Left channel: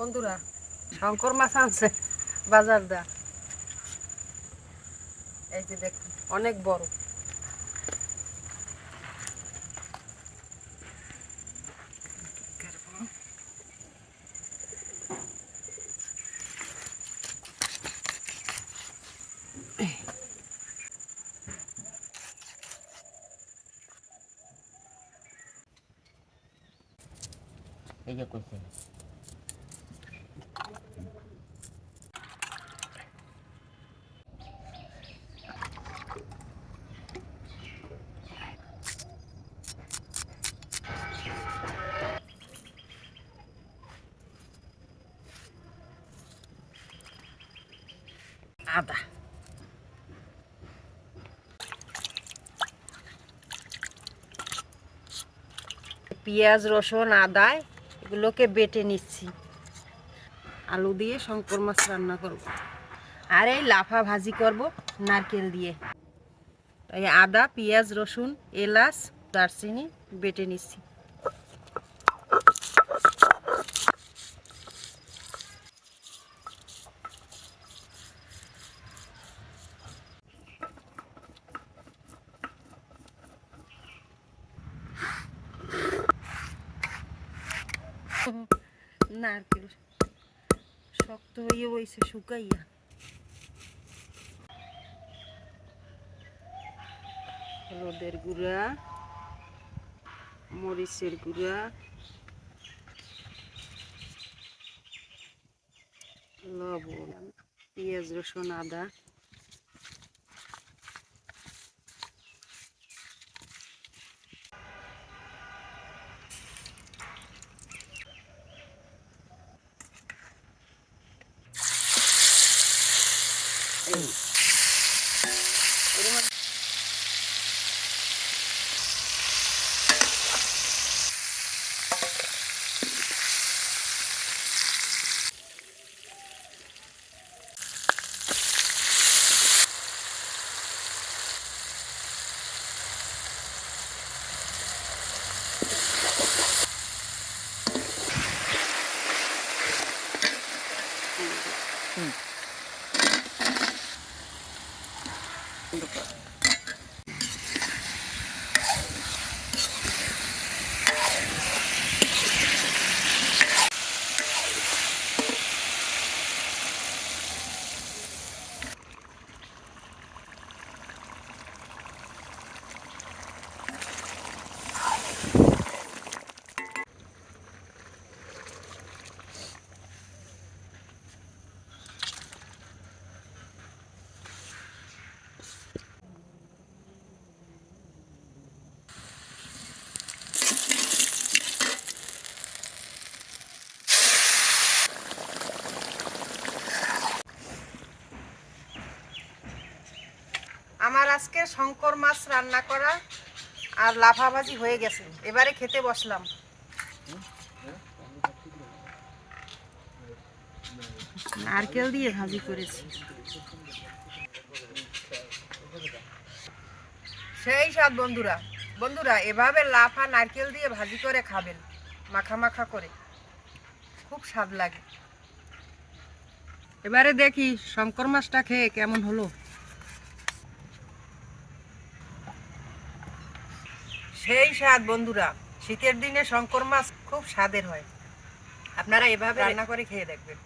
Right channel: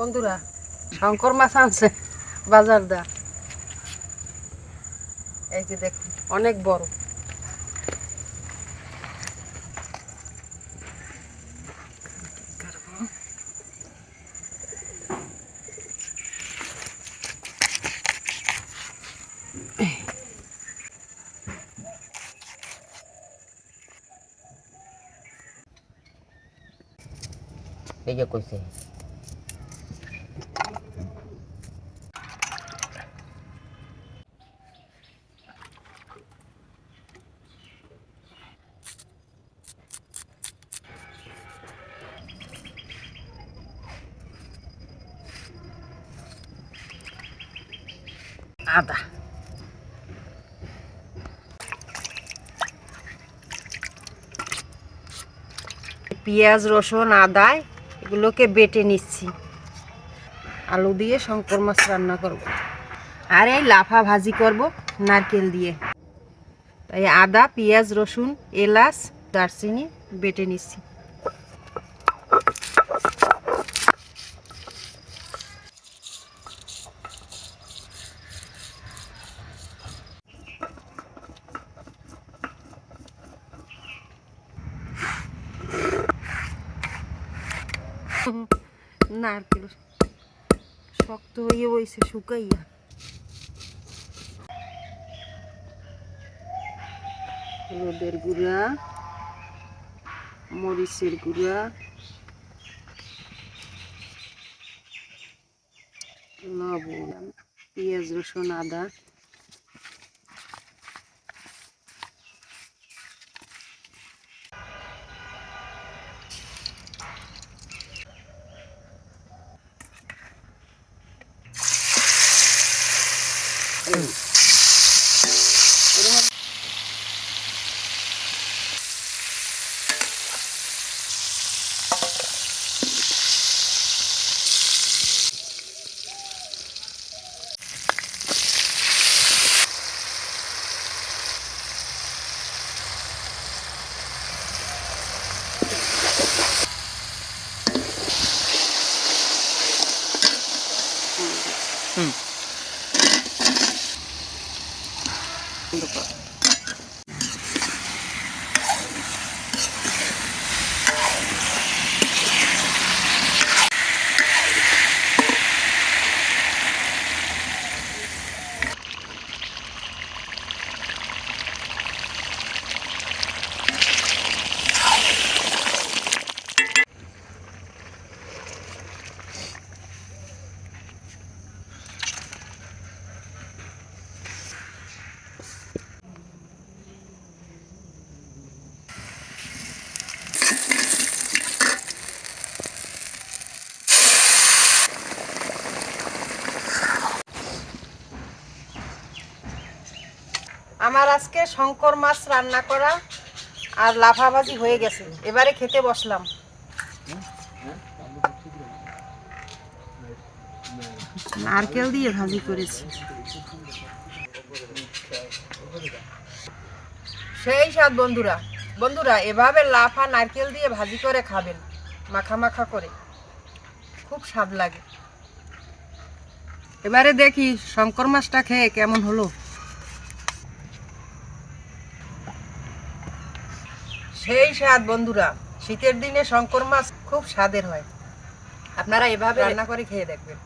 বন্ধুরা শঙ্কর মাছ আনছে বাজার দা। এই যে দেখুন অনেক বড়। এই যে কইছে। আদা পেঁয়াজ, রসুন আদা এগুলোকে বেটে নিচ্ছি। আলু দিয়ে শঙ্কর মাছ রান্না করব। আর এই লাফা ভাজি করব নারকেল দিয়ে। তাই আদা, পেঁয়াজ, রসুন, এলাচ, দারচিনি বেটে নিচ্ছি। নারকেল। শক্ত হয়ে বইছে শুকাইয়া। হলুদের গুঁড়া মরিচের গুঁড়া লবণ পেঁয়াজ রসুন আদা। Ooh. Então, Indo pra... আমার আজকে শঙ্কর মাছ রান্না করা আর লাফা ভাজি হয়ে গেছে। এবারে খেতে বসলাম। নারকেল দিয়ে ভাজি করেছি। সেই স্বাদ বন্ধুরা। বন্ধুরা, এভাবে লাফা নারকেল দিয়ে ভাজি করে খাবেন। মাখা মাখা করে। খুব স্বাদ লাগে। এবারে দেখি শঙ্কর মাছটা খেয়ে কেমন হলো। সেই স্বাদ বন্ধুরা। শীতের দিনে শঙ্কর মাছ খুব স্বাদের হয়। আপনারা এভাবে রান্না করে খেয়ে দেখবেন।